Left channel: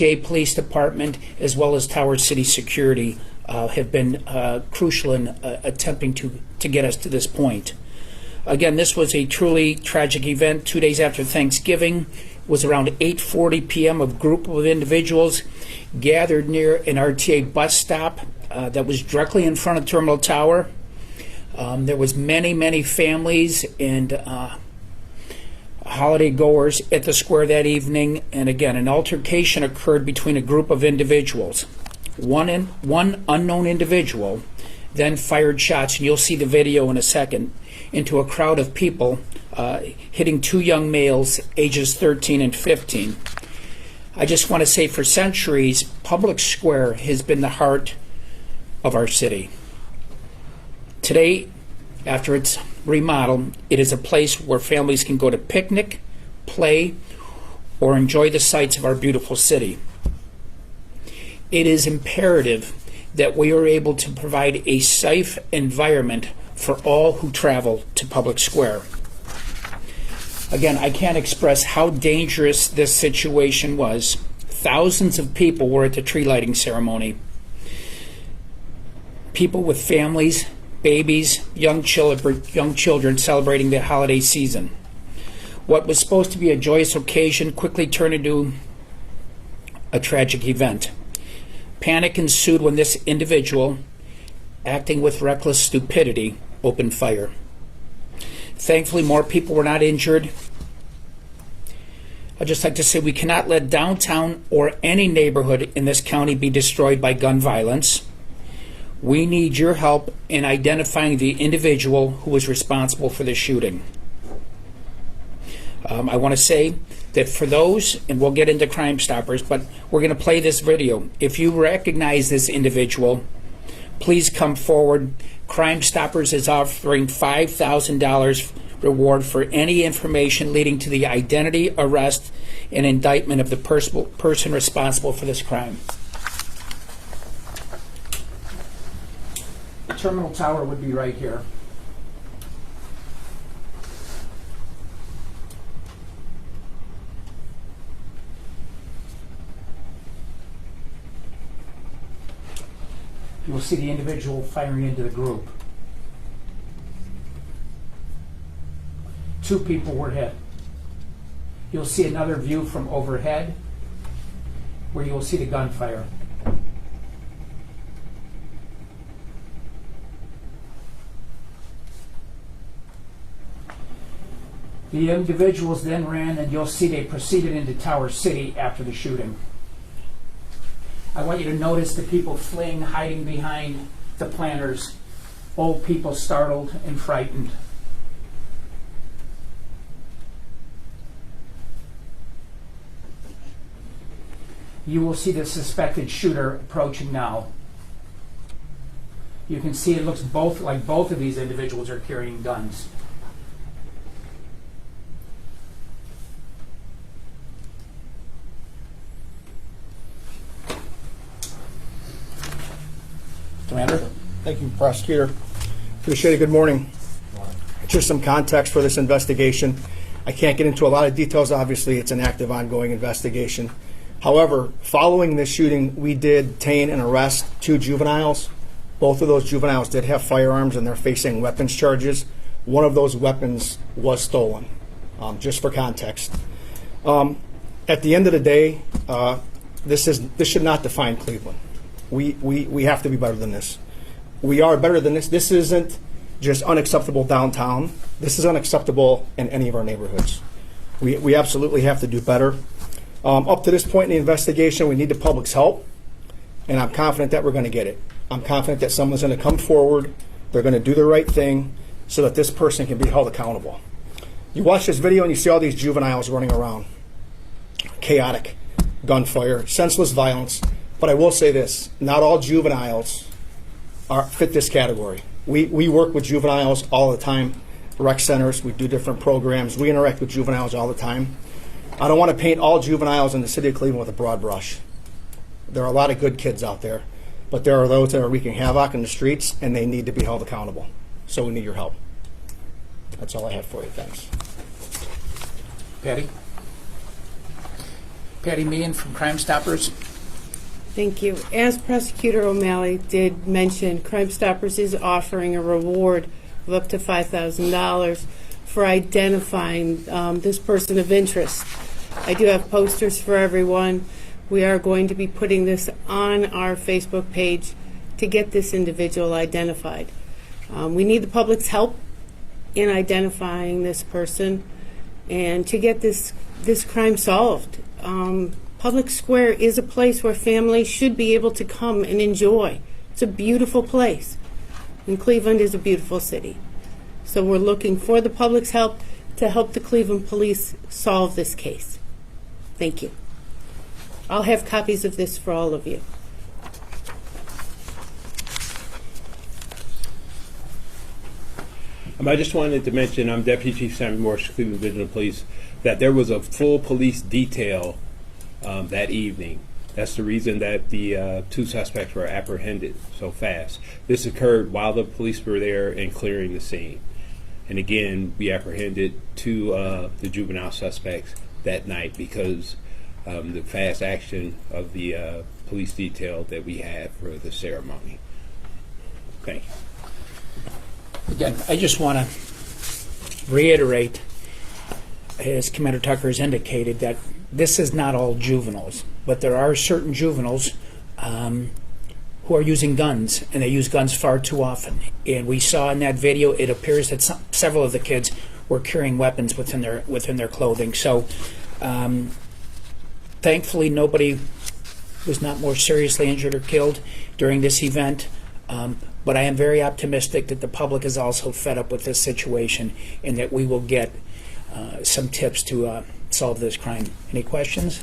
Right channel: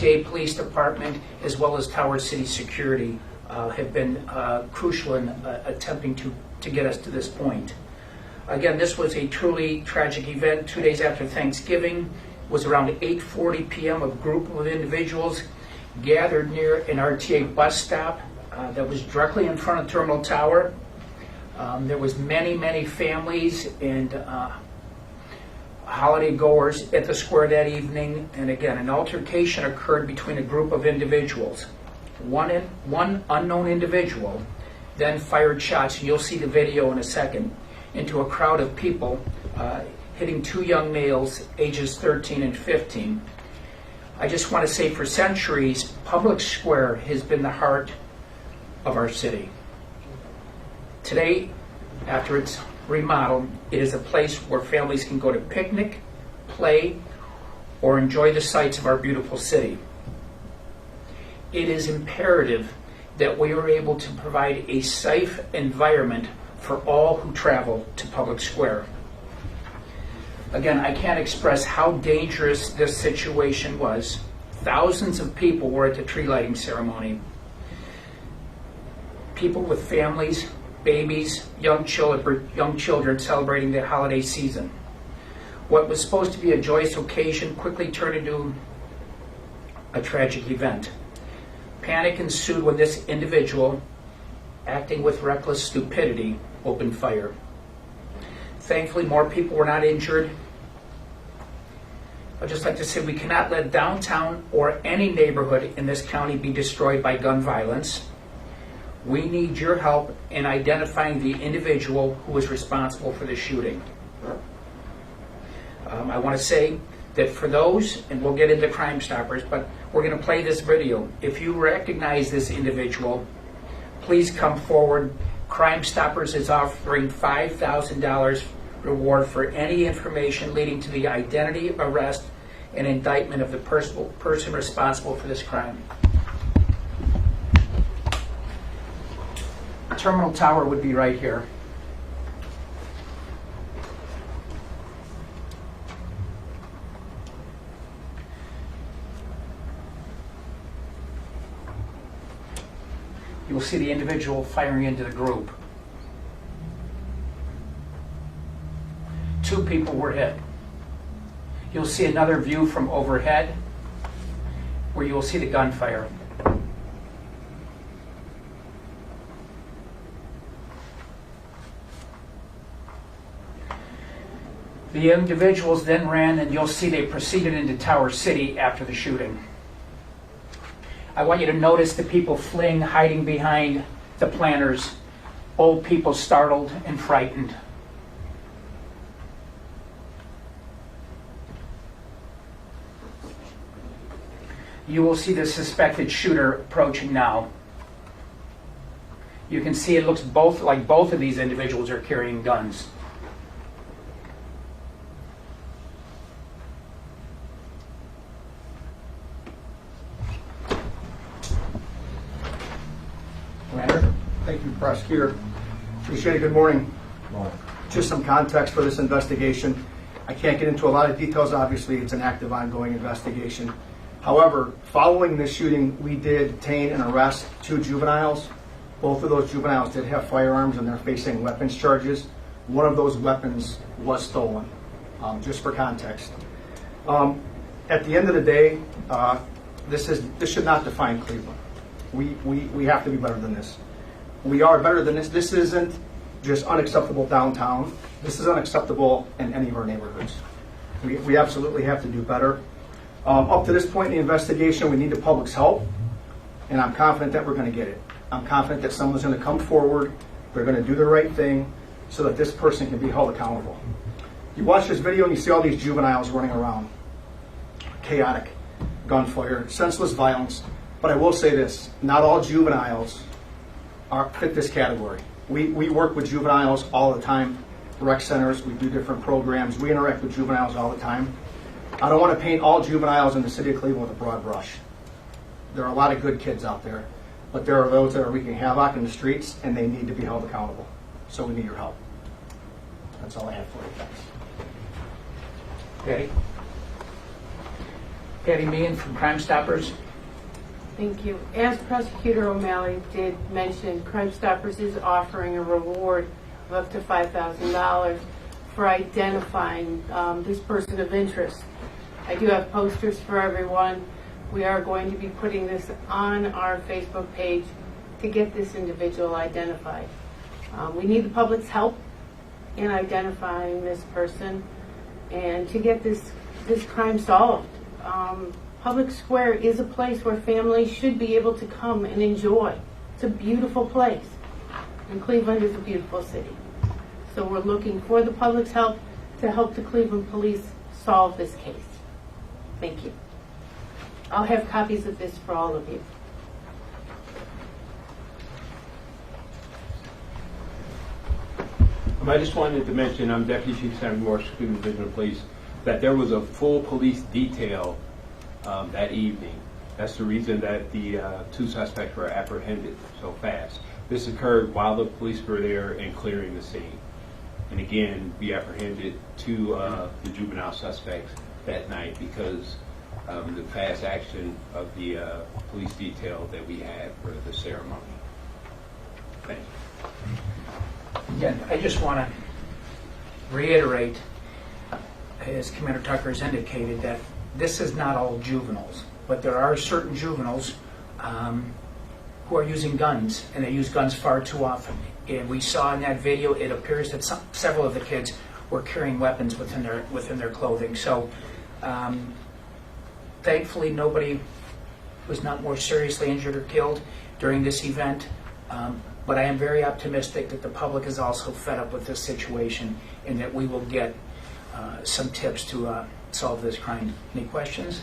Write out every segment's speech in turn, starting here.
RTA Police Department as well as Tower City Security have been crucial in attempting to get us to this point. Again, this was a truly tragic event. 2 days after Thanksgiving, it was around 8:40 p.m. A group of individuals gathered near an RTA bus stop that was directly in front of Terminal Tower. There was many families and holiday goers at the square that evening, and again, an altercation occurred between a group of individuals. One unknown individual then fired shots, and you'll see the video in a second, into a crowd of people, hitting two young males, ages 13 and 15. I just want to say, for centuries, Public Square has been the heart of our city. Today, after its remodel, it is a place where families can go to picnic, play, or enjoy the sights of our beautiful city. It is imperative that we are able to provide a safe environment for all who travel to Public Square. Again, I can't express how dangerous this situation was. Thousands of people were at the tree lighting ceremony. People with families, babies, young children celebrating the holiday season. What was supposed to be a joyous occasion quickly turned into a tragic event. Panic ensued when this individual, acting with reckless stupidity, opened fire. Thankfully, more people were not injured. I'd just like to say we cannot let downtown or any neighborhood in this county be destroyed by gun violence. We need your help in identifying the individual who was responsible for the shooting. I want to say that for those, and we'll get into Crime Stoppers, but we're going to play this video. If you recognize this individual, please come forward. Crime Stoppers is offering $5,000 reward for any information leading to the identity, arrest, and indictment of the person responsible for this crime. The Terminal Tower would be right here. You will see the individual firing into the group. Two people were hit. You'll see another view from overhead where you will see the gunfire. The individuals then ran, and you'll see they proceeded into Tower City after the shooting. I want you to notice the people fleeing, hiding behind the planters, old people startled and frightened. You will see the suspected shooter approaching now. You can see it looks like both of these individuals are carrying guns. Commander? Thank you, Prosecutor. Appreciate it. Good morning. Just some context for this investigation. I can't get into a lot of details. Obviously, it's an active, ongoing investigation. However, following this shooting, we did detain and arrest two juveniles. Both of those juveniles did have firearms, and they're facing weapons charges. One of those weapons was stolen, just for context. At the end of the day, this should not define Cleveland. We have to be better than this. We are better than this. This isn't just unacceptable downtown. This is unacceptable in any of our neighborhoods. We absolutely have to do better. Up to this point in the investigation, we need the public's help, and I'm confident that we're going to get it. I'm confident that someone's going to come forward, they're going to do the right thing so that this person can be held accountable. You watch this video and you see all these juveniles running around. Chaotic, gunfire, senseless violence. But I will say this, not all juveniles fit this category. We work with juveniles all the time, rec centers, we do different programs, we interact with juveniles all the time. I don't want to paint all juveniles in the city of Cleveland with a broad brush. There are a lot of good kids out there, but there are those that are wreaking havoc in the streets, and they need to be held accountable. So we need your help. That's all I have for you. Thanks. Okay. Patty Meehan from Crime Stoppers. Thank you. As Prosecutor O'Malley did mention, Crime Stoppers is offering a reward of up to $5,000 for identifying this person of interest. I do have posters for everyone. We are going to be putting this on our Facebook page to get this individual identified. We need the public's help in identifying this person and to get this crime solved. Public Square is a place where families should be able to come and enjoy. It's a beautiful place. And Cleveland is a beautiful city. So we're looking for the public's help to help the Cleveland Police solve this case. Thank you. I'll have copies of this for all of you. I just wanted to mention, I'm Deputy Chief Sam Morse, Cleveland Division of Police, that there was a full police detail that evening. That's the reason that the 2 suspects were apprehended so fast. This occurred while the police were there and clearing the scene. And again, we apprehended 2 the juvenile suspects that night because the fast action of the police detail that we had for the ceremony. Thank you. Again, I just want to reiterate, as Commander Tucker has indicated, that this is not all juveniles, but there are certain juveniles who are using guns, and they use guns far too often. And we saw in that video, it appears that several of the kids were carrying weapons within their clothing. So, thankfully, nobody was not more seriously injured or killed during this event. But I am very optimistic that the public is also fed up with this situation and that we will get some tips to solve this crime. Any questions?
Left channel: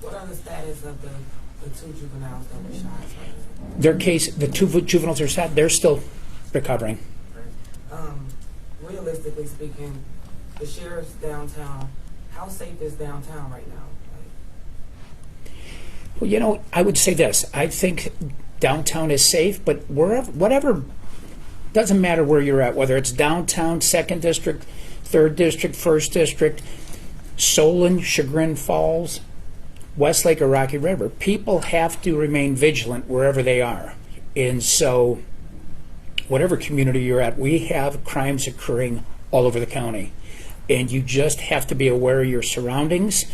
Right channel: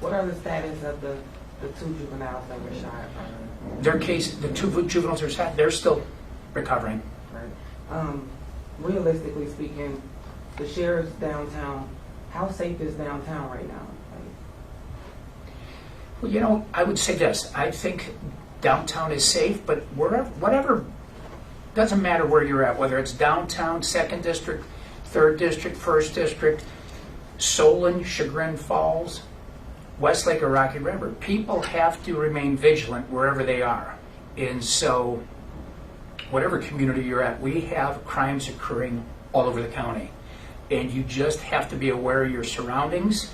What are the status of the 2 juveniles that were shot? Their case, the 2 juveniles are shot, they're still recovering. Right. Realistically speaking, the sheriff's downtown, how safe is downtown right now? Well, you know, I would say this. I think downtown is safe, but whatever, doesn't matter where you're at, whether it's downtown, 2nd District, 3rd District, 1st District, Solon, Chagrin Falls, Westlake, or Rocky River. People have to remain vigilant wherever they are. And so, whatever community you're at, we have crimes occurring all over the county. And you just have to be aware of your surroundings.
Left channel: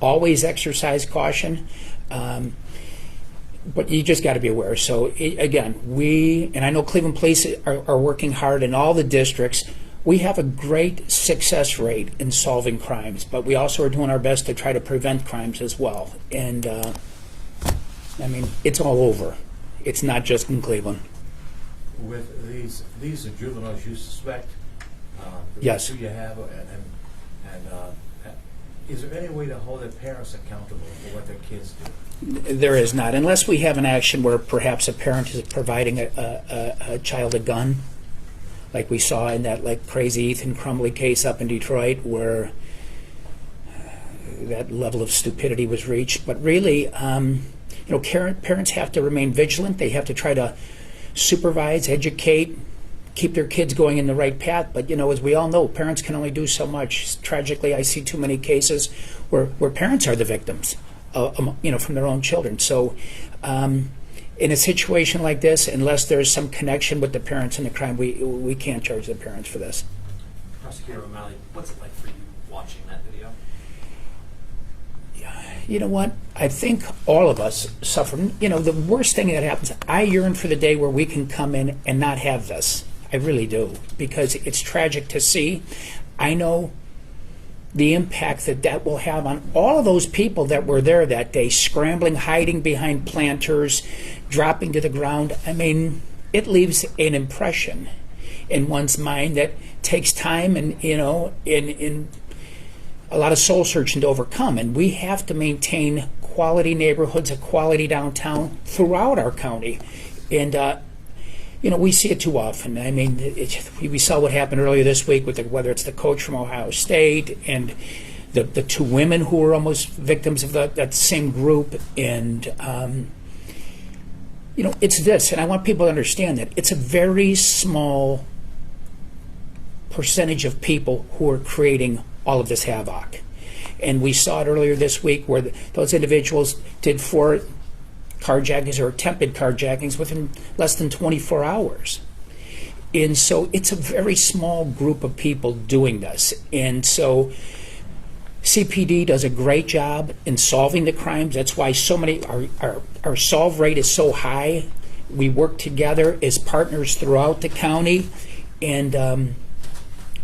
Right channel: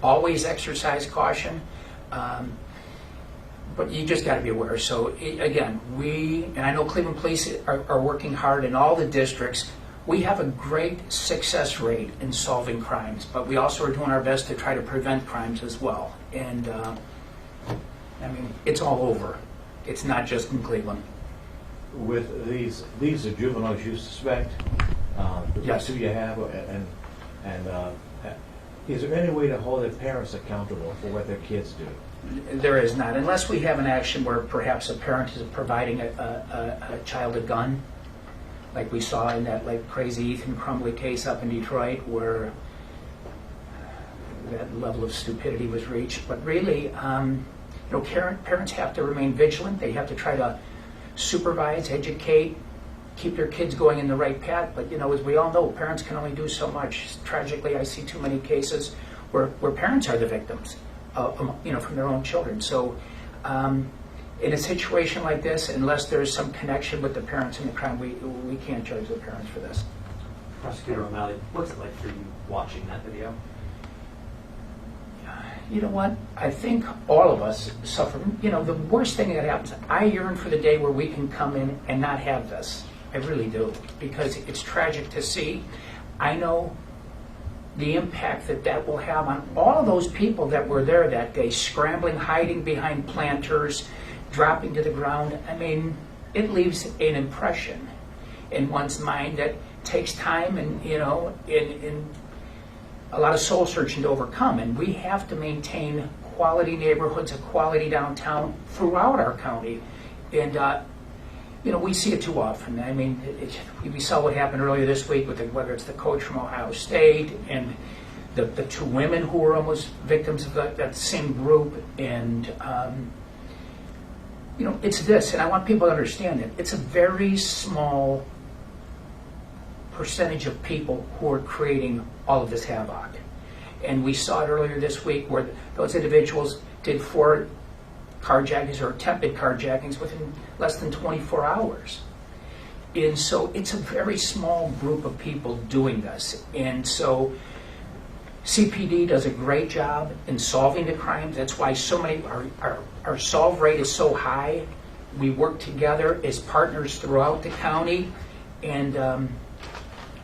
Always exercise caution. But you just got to be aware. So, again, and I know Cleveland Police are working hard in all the districts. We have a great success rate in solving crimes, but we also are doing our best to try to prevent crimes as well. And, I mean, it's all over. It's not just in Cleveland. With these are juveniles you suspect? Yes. Who you have, and is there any way to hold their parents accountable for what their kids do? There is not, unless we have an action where perhaps a parent is providing a child a gun, like we saw in that crazy Ethan Crumbley case up in Detroit, where that level of stupidity was reached. But really, parents have to remain vigilant. They have to try to supervise, educate, keep their kids going in the right path. But as we all know, parents can only do so much. Tragically, I see too many cases where parents are the victims, from their own children. So, in a situation like this, unless there's some connection with the parents in the crime, we can't charge the parents for this. Prosecutor O'Malley, what's it like for you watching that video? You know what? I think all of us suffer. The worst thing that happens, I yearn for the day where we can come in and not have this. I really do, because it's tragic to see. I know the impact that will have on all of those people that were there that day, scrambling, hiding behind planters, dropping to the ground. I mean, it leaves an impression in one's mind that takes time and, in a lot of soul searching to overcome. And we have to maintain quality neighborhoods, a quality downtown throughout our county. And, we see it too often. I mean, we saw what happened earlier this week with whether it's the coach from Ohio State and the 2 women who were almost victims of that same group. And, it's this, and I want people to understand that it's a very small percentage of people who are creating all of this havoc. And we saw it earlier this week where those individuals did 4 carjackings or attempted carjackings within less than 24 hours. And so it's a very small group of people doing this. And so CPD does a great job in solving the crimes. That's why so many, our solve rate is so high. We work together as partners throughout the county. And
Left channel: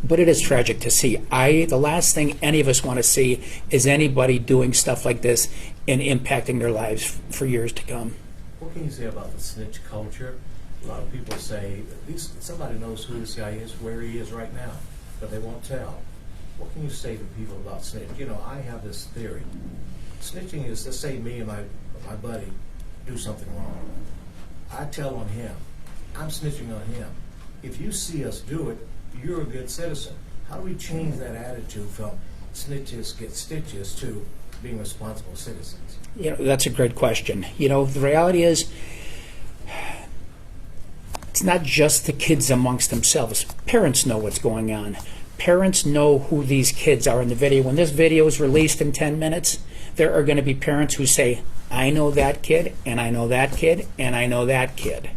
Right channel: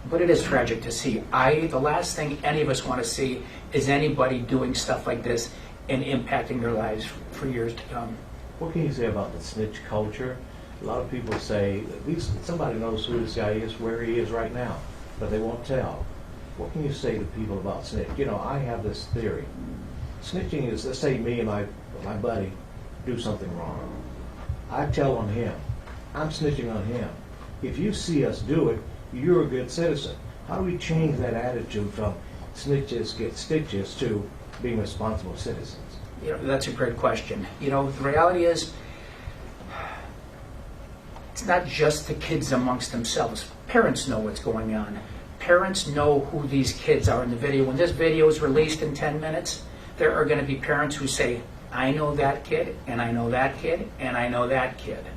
but it is tragic to see. The last thing any of us want to see is anybody doing stuff like this and impacting their lives for years to come. What can you say about the snitch culture? A lot of people say, at least somebody knows who this guy is, where he is right now, but they won't tell. What can you say to people about snitch? You know, I have this theory. Snitching is, let's say me and my buddy do something wrong. I tell on him. I'm snitching on him. If you see us do it, you're a good citizen. How do we change that attitude from snitches get stitches to being responsible citizens? You know, that's a great question. You know, the reality is, it's not just the kids amongst themselves. Parents know what's going on. Parents know who these kids are in the video. When this video is released in 10 minutes, there are going to be parents who say, I know that kid, and I know that kid, and I know that kid.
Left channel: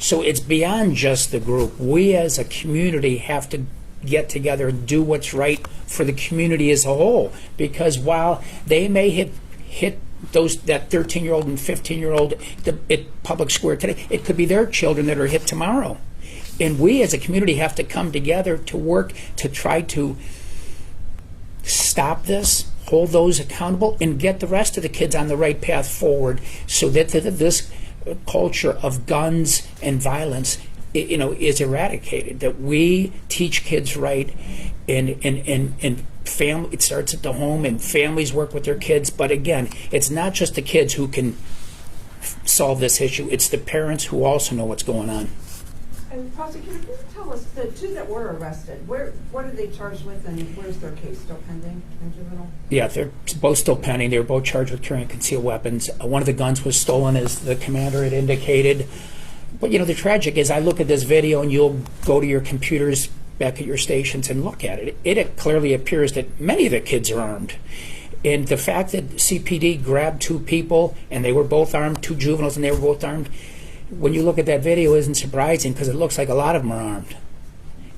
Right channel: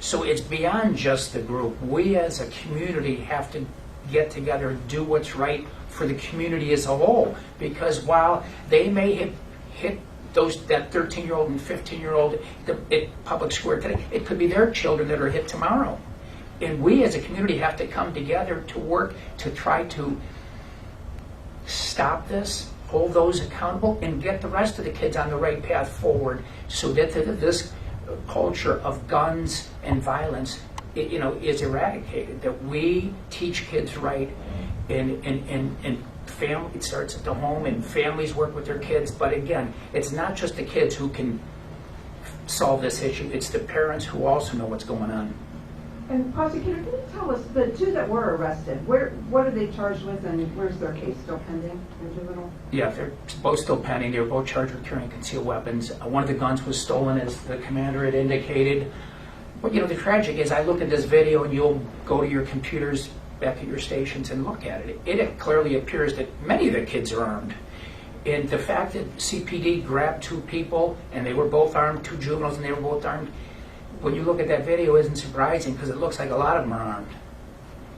So it's beyond just the group. We as a community have to get together and do what's right for the community as a whole. Because while they may hit that 13-year-old and 15-year-old at Public Square today, it could be their children that are hit tomorrow. And we as a community have to come together to work to try to stop this, hold those accountable, and get the rest of the kids on the right path forward so that this culture of guns and violence, is eradicated. That we teach kids right, and family. It starts at the home, and families work with their kids. But again, it's not just the kids who can solve this issue. It's the parents who also know what's going on. And prosecutor, can you tell us, the 2 that were arrested, what are they charged with, and where's their case still pending in juvenile? Yeah, they're both still pending. They were both charged with carrying concealed weapons. One of the guns was stolen, as the commander had indicated. But the tragic is, I look at this video, and you'll go to your computers back at your stations and look at it. It clearly appears that many of the kids are armed. And the fact that CPD grabbed 2 people, and they were both armed, 2 juveniles, and they were both armed, when you look at that video, isn't surprising, because it looks like a lot of them are armed.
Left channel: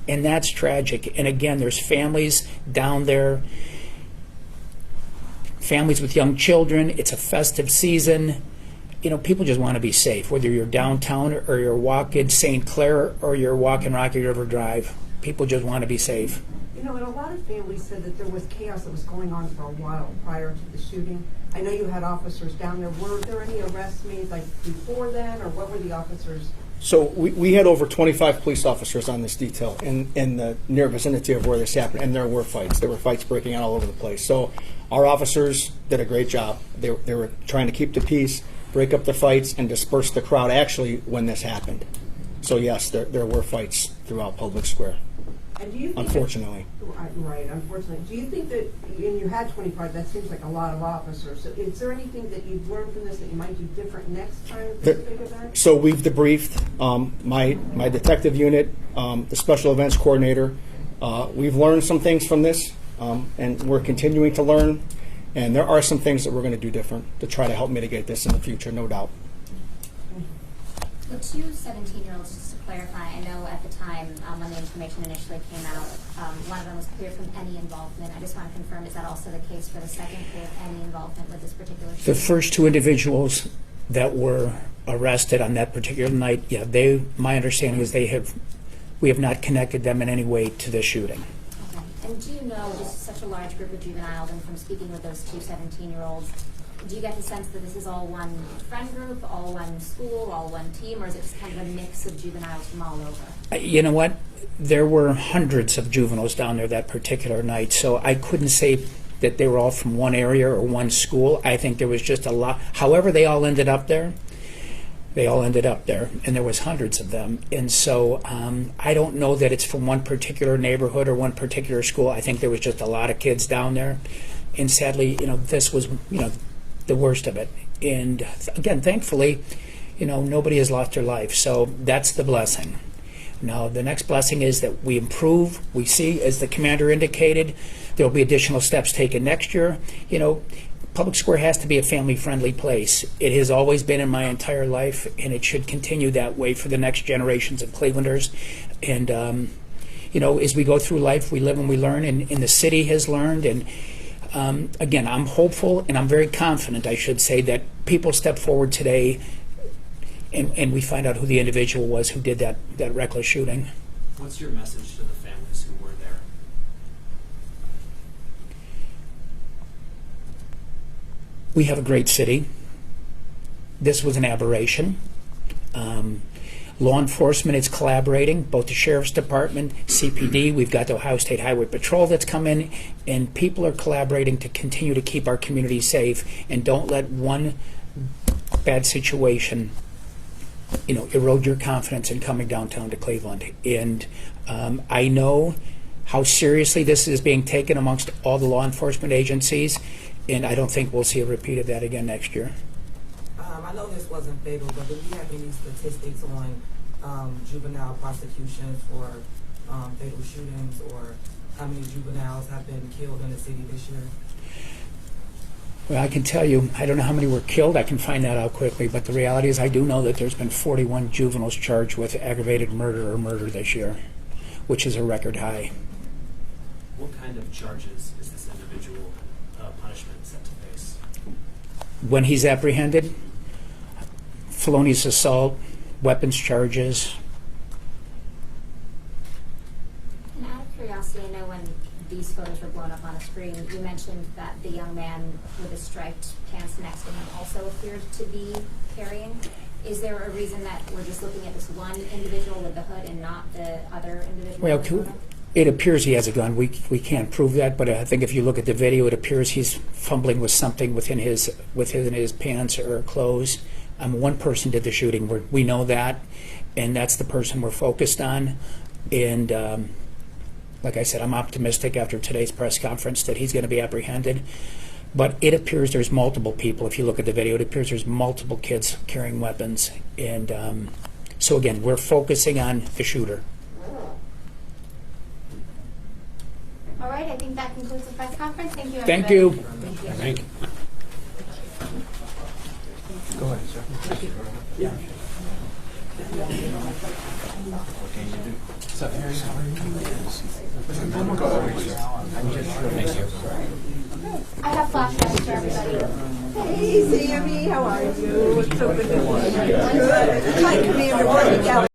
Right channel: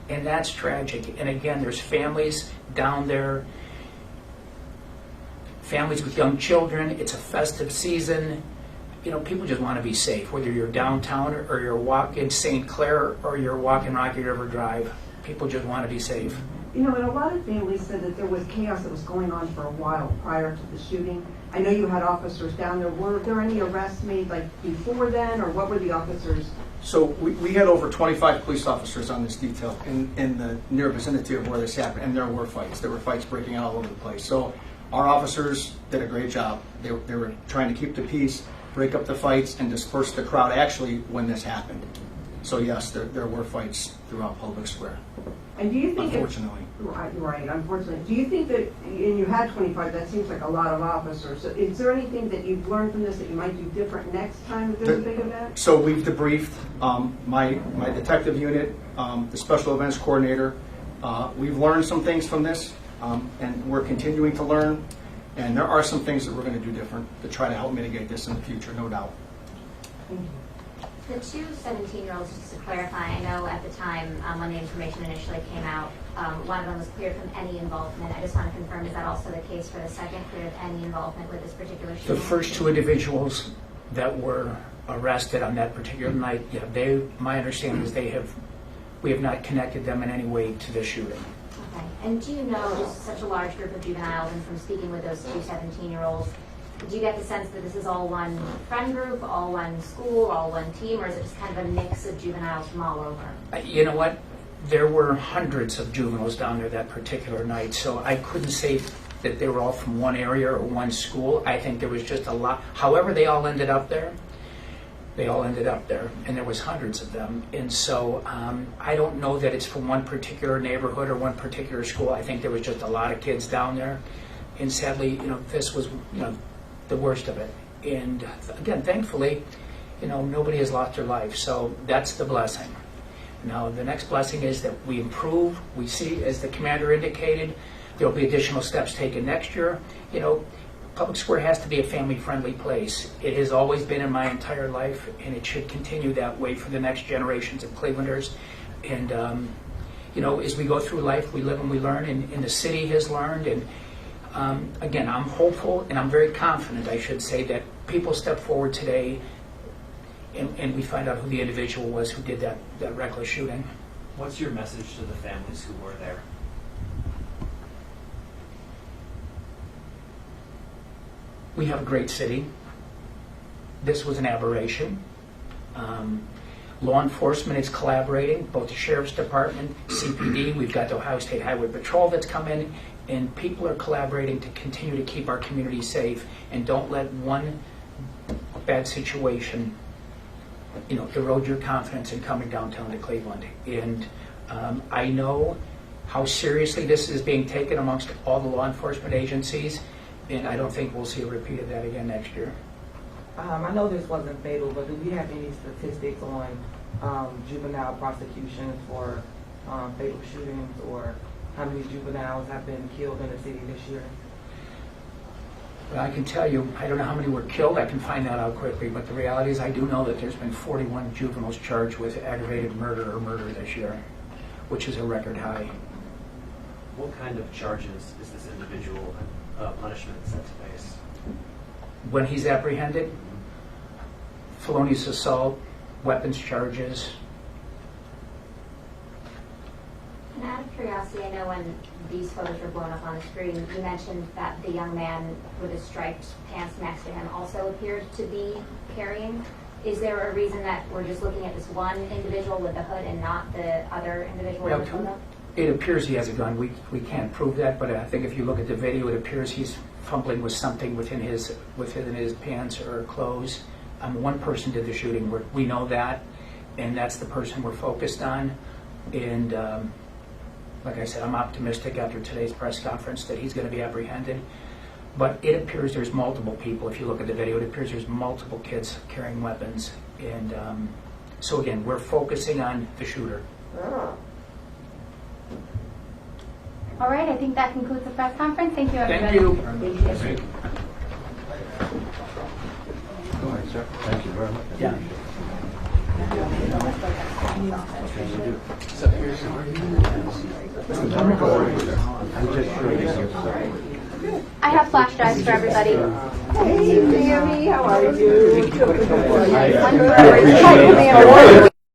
And that's tragic. And again, there's families down there, families with young children. It's a festive season. People just want to be safe, whether you're downtown or you're walking St. Clair or you're walking Rocky River Drive. People just want to be safe. And a lot of families said that there was chaos that was going on for a while prior to the shooting. I know you had officers down there. Were there any arrests made before then, or what were the officers? So we had over 25 police officers on this detail in the near vicinity of where this happened, and there were fights. There were fights breaking out all over the place. So our officers did a great job. They were trying to keep the peace, break up the fights, and disperse the crowd actually when this happened. So yes, there were fights throughout Public Square. And do you think unfortunately. Right, unfortunately. Do you think that, and you had 25, that seems like a lot of officers. So is there anything that you've learned from this that you might do different next time that there's a big event? So we've debriefed my detective unit, the special events coordinator. We've learned some things from this, and we're continuing to learn. And there are some things that we're going to do different to try to help mitigate this in the future, no doubt. The 2 17-year-olds, just to clarify, I know at the time when the information initially came out, one of them was cleared from any involvement. I just want to confirm, is that also the case for the second, cleared any involvement with this particular shooting? The first 2 individuals that were arrested on that particular night, my understanding is we have not connected them in any way to this shooting. Okay. And do you know, this is such a large group of juveniles, and from speaking with those 2 17-year-olds, do you get the sense that this is all one friend group, all one school, all one team, or is it kind of a mix of juveniles from all over? You know what? There were hundreds of juveniles down there that particular night, so I couldn't say that they were all from one area or one school. I think there was just a lot. However they all ended up there, and there was hundreds of them. And so I don't know that it's from one particular neighborhood or one particular school. I think there was just a lot of kids down there. And sadly, this was, the worst of it. And again, thankfully, nobody has lost their life. So that's the blessing. Now, the next blessing is that we improve. We see, as the commander indicated, there'll be additional steps taken next year. You know, Public Square has to be a family-friendly place. It has always been in my entire life, and it should continue that way for the next generations of Clevelanders. And you know, as we go through life, we live and we learn, and the city has learned. And again, I'm hopeful, and I'm very confident, I should say, that people step forward today, and we find out who the individual was who did that reckless shooting. What's your message to the families who were there? We have a great city. This was an aberration. Law enforcement is collaborating, both the Sheriff's Department, CPD, we've got the Ohio State Highway Patrol that's come in, and people are collaborating to continue to keep our community safe, and don't let one bad situation, you know, erode your confidence in coming downtown to Cleveland. And I know how seriously this is being taken amongst all the law enforcement agencies, and I don't think we'll see a repeat of that again next year. I know this wasn't fatal, but do we have any statistics on juvenile prosecution for fatal shootings, or how many juveniles have been killed in the city this year? Well, I can tell you, I don't know how many were killed. I can find that out quickly, but the reality is I do know that there's been 41 juveniles charged with aggravated murder or murder this year, which is a record high. What kind of charges is this individual punishment set to face? When he's apprehended, felonious assault, weapons charges. And out of curiosity, I know when these photos were blown up on the screen, you mentioned that the young man with the striped pants next to him also appeared to be carrying. Is there a reason that we're just looking at this one individual with the hood and not the other individual in the photo? It appears he has a gun. We can't prove that, but I think if you look at the video, it appears he's fumbling with something within his pants or clothes. One person did the shooting. We know that, and that's the person we're focused on. And like I said, I'm optimistic after today's press conference that he's going to be apprehended. But it appears there's multiple people. If you look at the video, it appears there's multiple kids carrying weapons. And so again, we're focusing on the shooter. All right, I think that concludes the press conference. Thank you, everybody. Thank you. Thank you. Yeah. I have flash drives for everybody. Hey, Sammy, how are you? So good to see you. Hi, Commander.